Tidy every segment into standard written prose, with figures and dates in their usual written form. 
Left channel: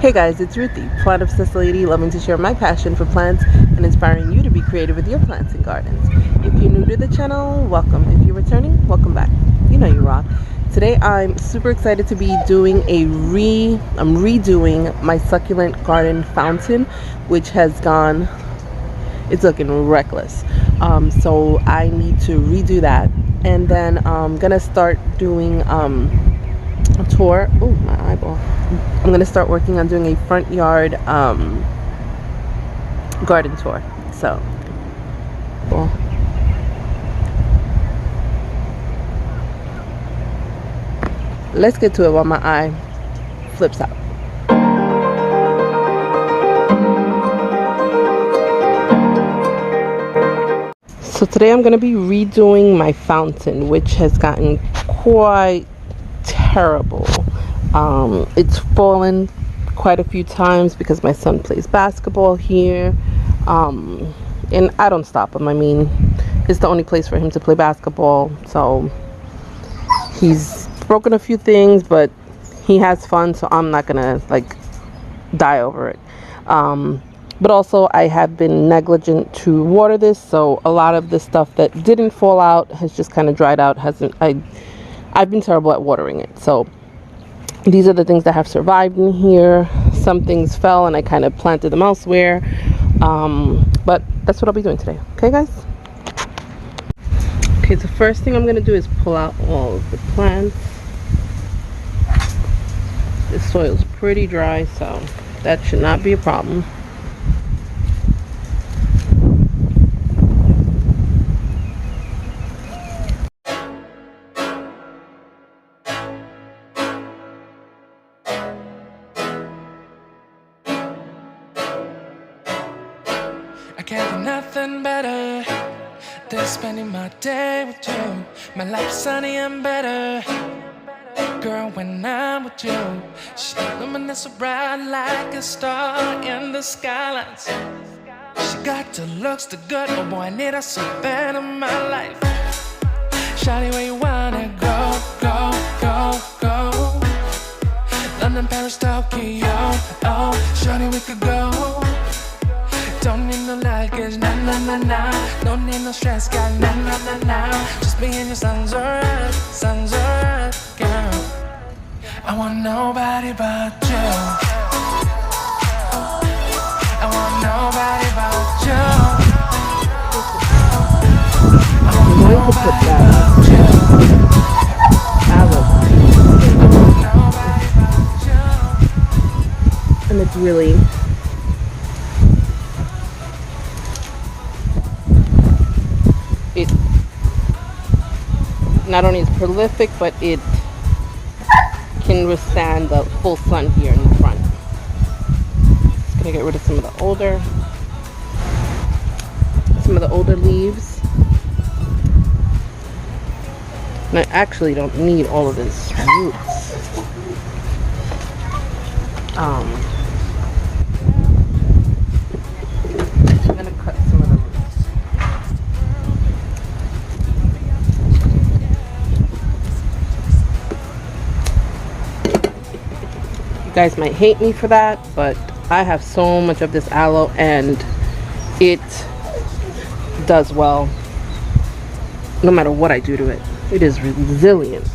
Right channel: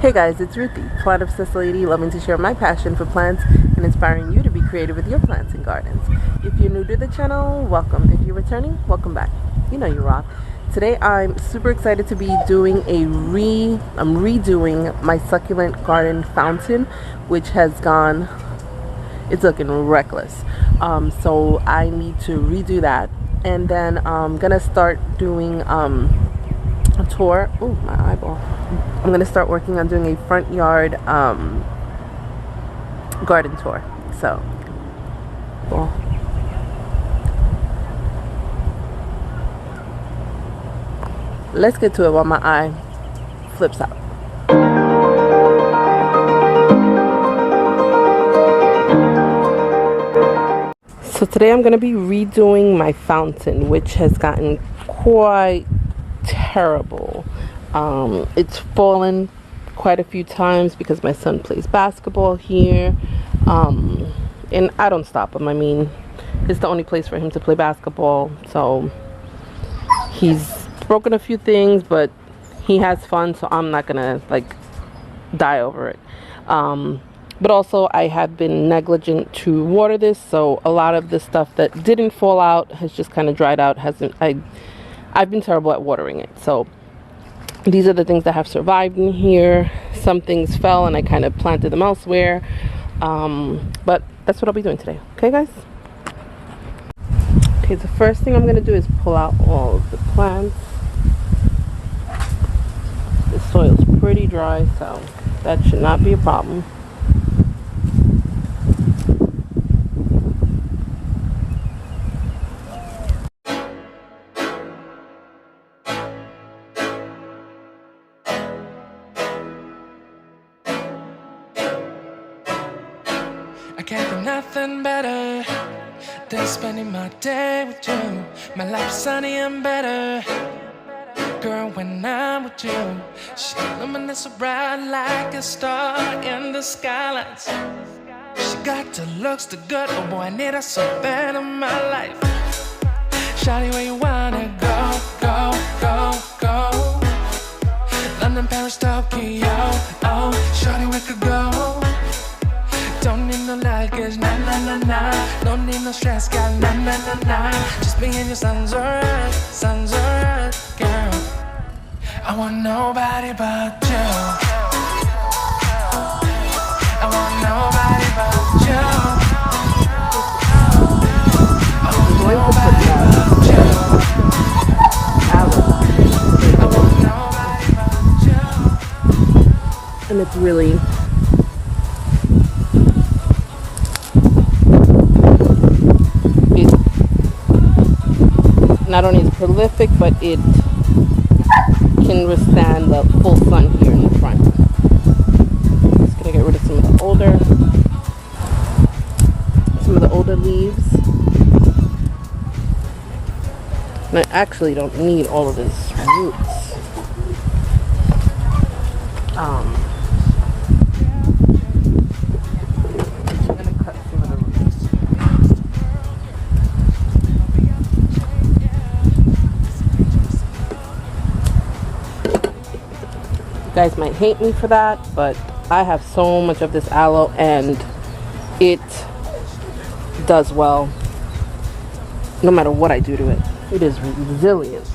Hey guys, it's Ruthie, plant obsessed lady, loving to share my passion for plants and inspiring you to be creative with your plants and gardens. If you're new to the channel, welcome. If you're returning, welcome back. You know you rock. Today I'm super excited to be doing I'm redoing my succulent garden fountain, which has gone, it's looking reckless. So I need to redo that, and then I'm gonna start doing a tour. Oh, my eyeball. I'm going to start working on doing a front yard garden tour. So, well, let's get to it while my eye flips out. So today I'm going to be redoing my fountain, which has gotten quite terrible. It's fallen quite a few times because my son plays basketball here, and I don't stop him. I mean, it's the only place for him to play basketball, so he's broken a few things, but he has fun, so I'm not gonna like die over it. But also I have been negligent to water this, so a lot of the stuff that didn't fall out has just kind of dried out. I've been terrible at watering it, so these are the things that have survived in here. Some things fell and I kind of planted them elsewhere, but that's what I'll be doing today. Okay guys? Okay, the first thing I'm going to do is pull out all of the plants. This soil's pretty dry, so that should not be a problem. I can't think nothing better than spending my day with you. My life is sunny and better, girl, when I'm with you. She luminous so bright like a star in the skylines. She got the looks, the good, oh boy, I need her so bad in my life. Shawty, where you wanna go, go, go, go? London, Paris, Tokyo, oh, shawty, we could go. Don't need no luggage, nah, nah, nah, nah. Don't need no stress, got nah, nah, nah, nah. Just me and your sun's alright, girl. I want nobody but you. I want nobody but you. I want nobody but you. I want nobody but you. And it's really not only is prolific, but it can withstand the full sun here in the front. Just gonna get rid of some of the older leaves. And I actually don't need all of this roots. I'm gonna cut some of the roots. You guys might hate me for that, but I have so much of this aloe and it does well no matter what I do to it. It is resilient.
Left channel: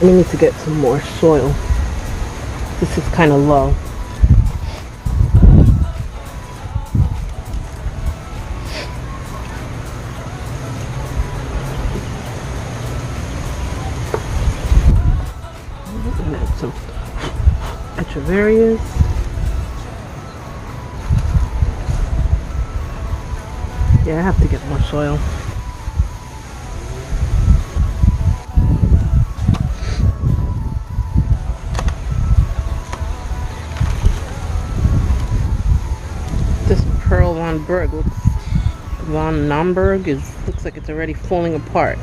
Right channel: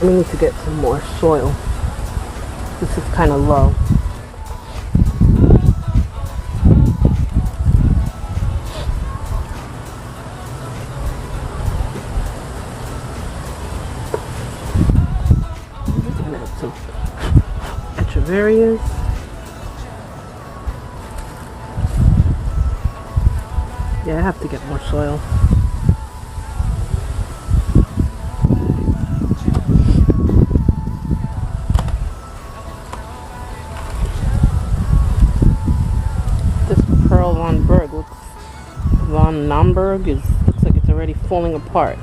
We need to get some more soil. This is kind of low. I'm gonna add some Echeverrias. Yeah, I have to get more soil. Pearl Von Berg looks von Naumburg looks like it's already falling apart.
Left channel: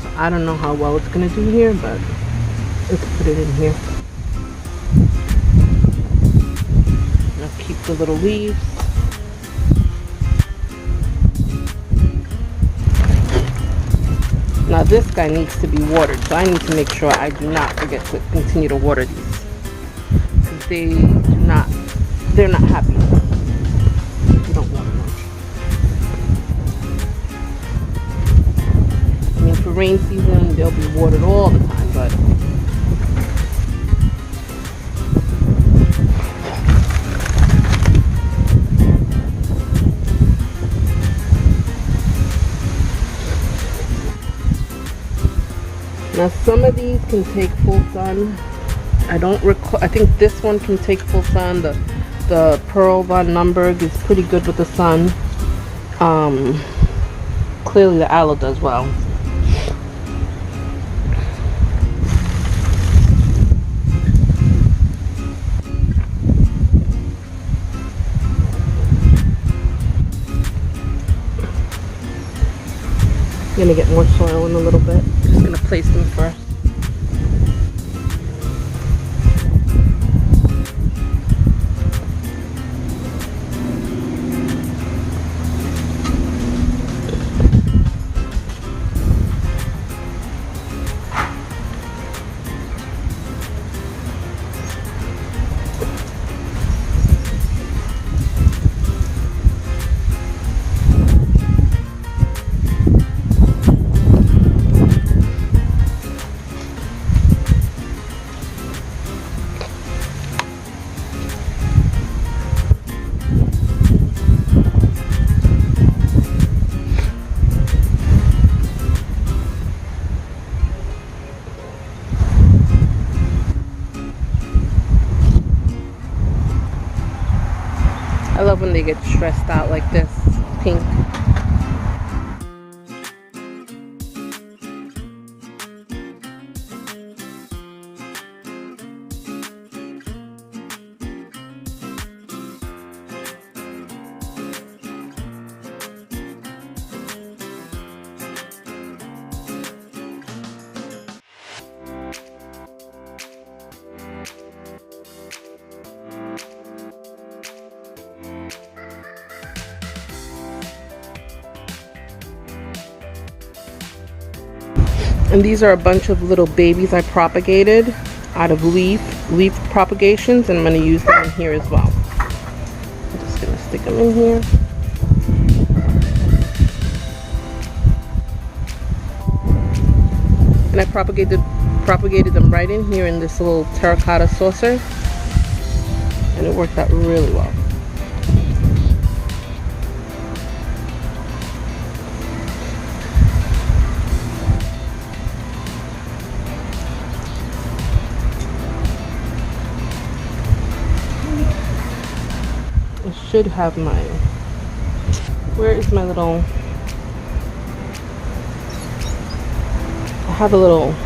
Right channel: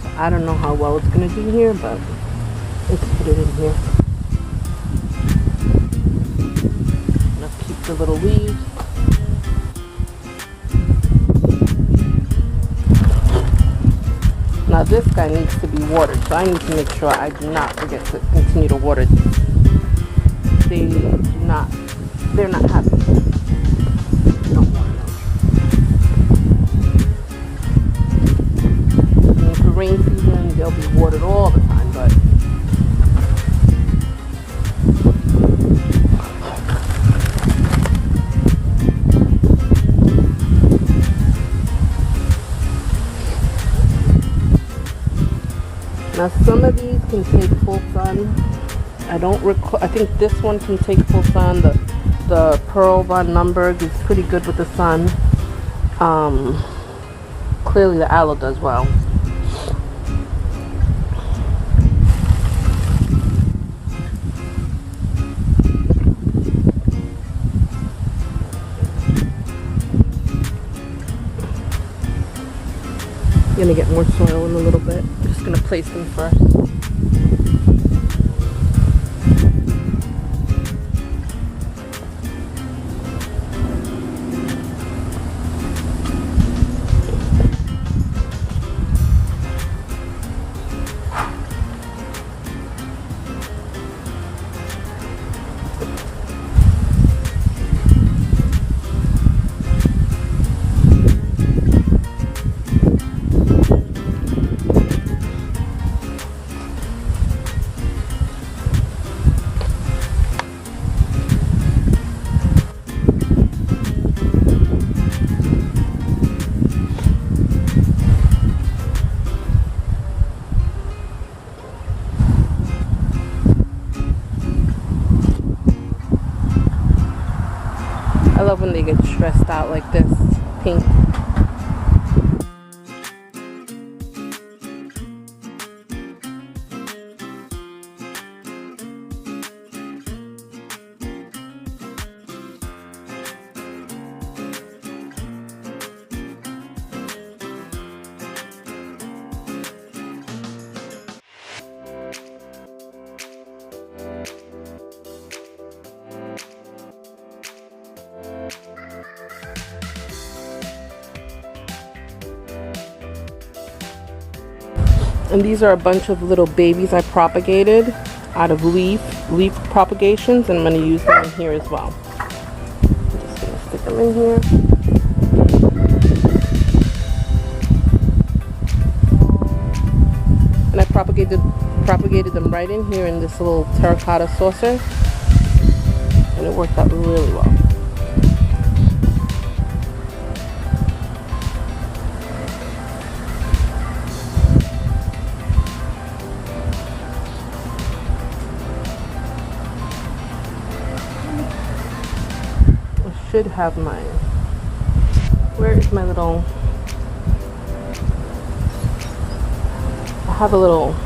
So I don't know how well it's gonna do here, but let's put it in here. And I'll keep the little leaves. Now this guy needs to be watered, so I need to make sure I do not forget to continue to water these. They're not happy. You don't water them. And for rain season, they'll be watered all the time, but now some of these can take full sun. I don't recall. I think this one can take full sun. The Pearl von Naumburg is pretty good with the sun. Clearly the aloe does well. I'm gonna get more soil in a little bit. Just gonna place them first. I love when they get stressed out like this, pink. And these are a bunch of little babies I propagated out of leaf propagations, and I'm going to use them in here as well. I'm just going to stick them in here. And I propagated them right in here in this little terracotta saucer, and it worked out really well. Should have my, where is my little, I have a little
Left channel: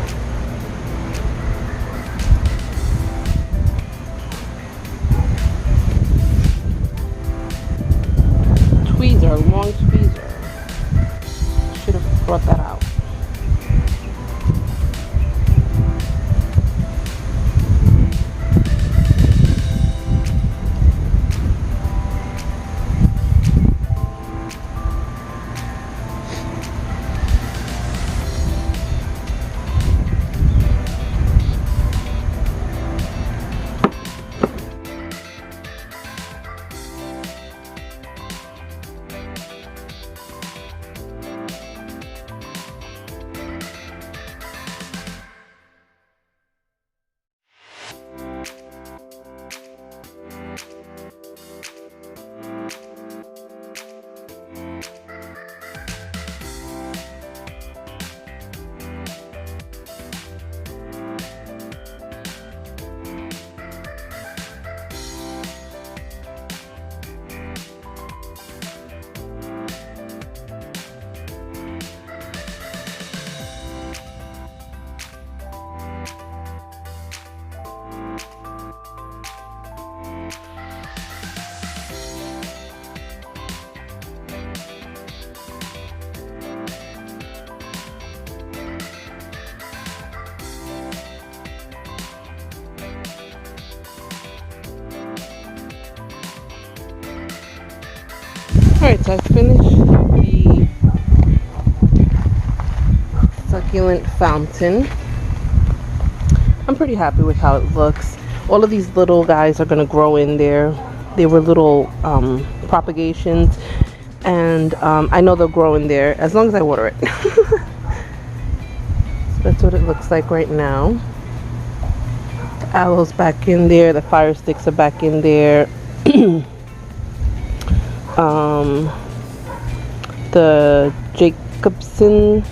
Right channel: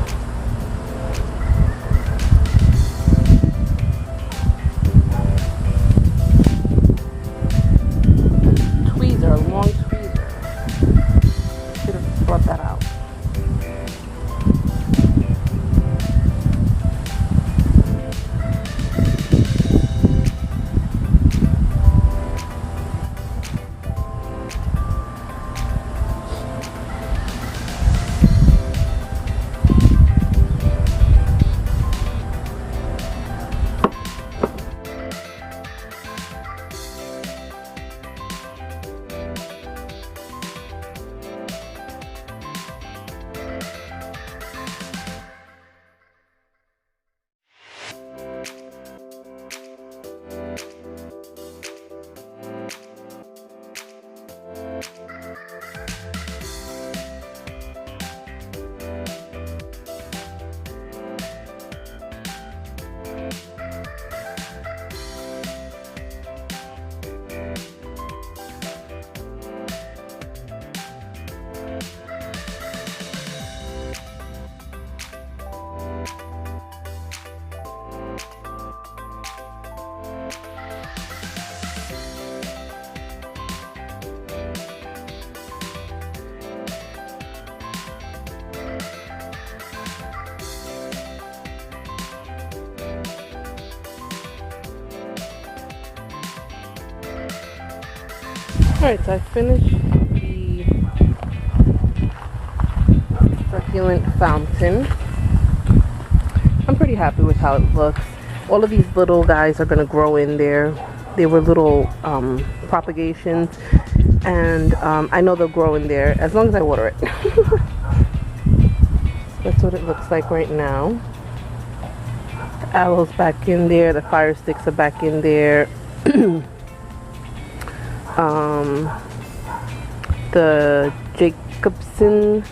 tweezer, a long tweezer. Should have brought that out. Alright, so I finished the succulent fountain. I'm pretty happy with how it looks. All of these little guys are going to grow in there. They were little propagations, and I know they'll grow in there as long as I water it. So that's what it looks like right now. The aloe's back in there. The fire sticks are back in there. The Jacobson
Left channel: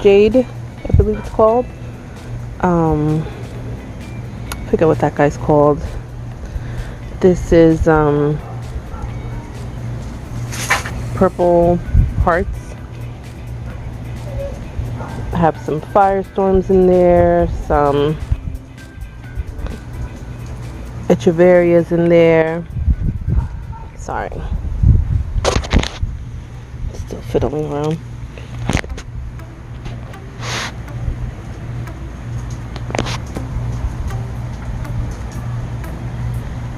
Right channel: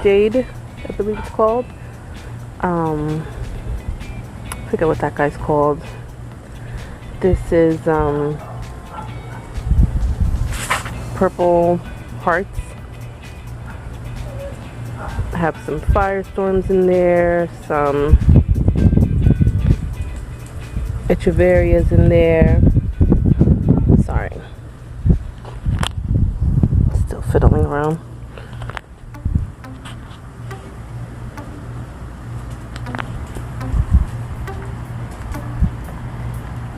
Jade, I believe it's called. I forget what that guy's called. This is Purple Hearts. I have some Firestorms in there, some Echeverias in there. Sorry. Still fiddling around.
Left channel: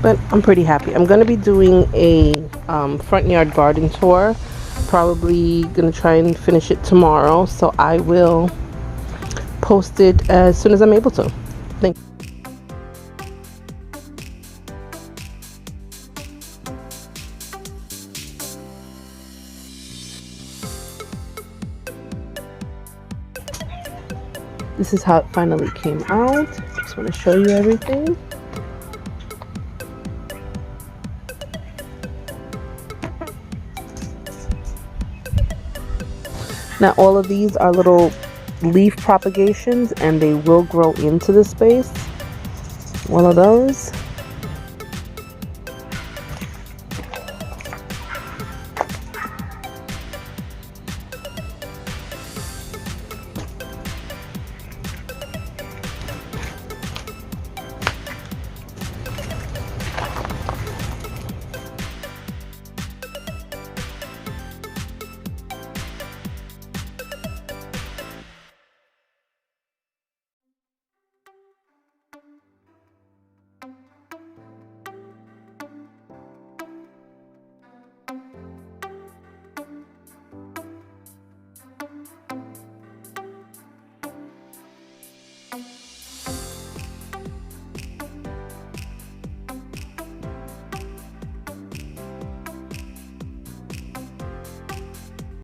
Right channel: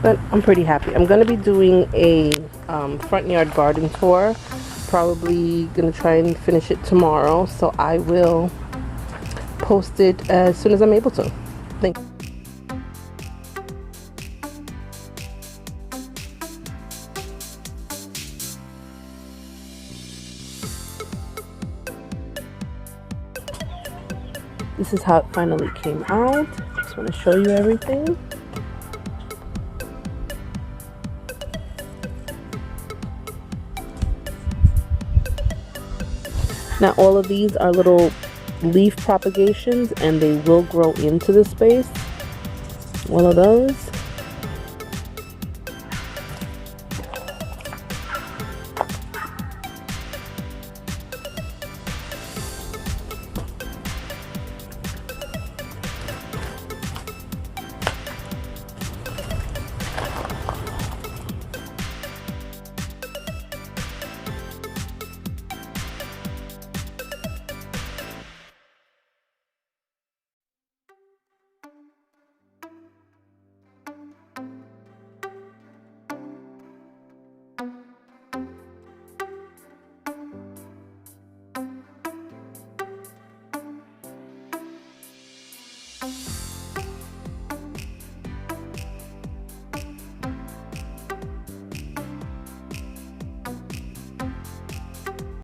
But I'm pretty happy. I'm going to be doing a front yard garden tour. Probably going to try and finish it tomorrow. So I will post it as soon as I'm able to. Thanks. This is how it finally came out. Just want to show you everything. Now all of these are little leaf propagations and they will grow into the space. One of those.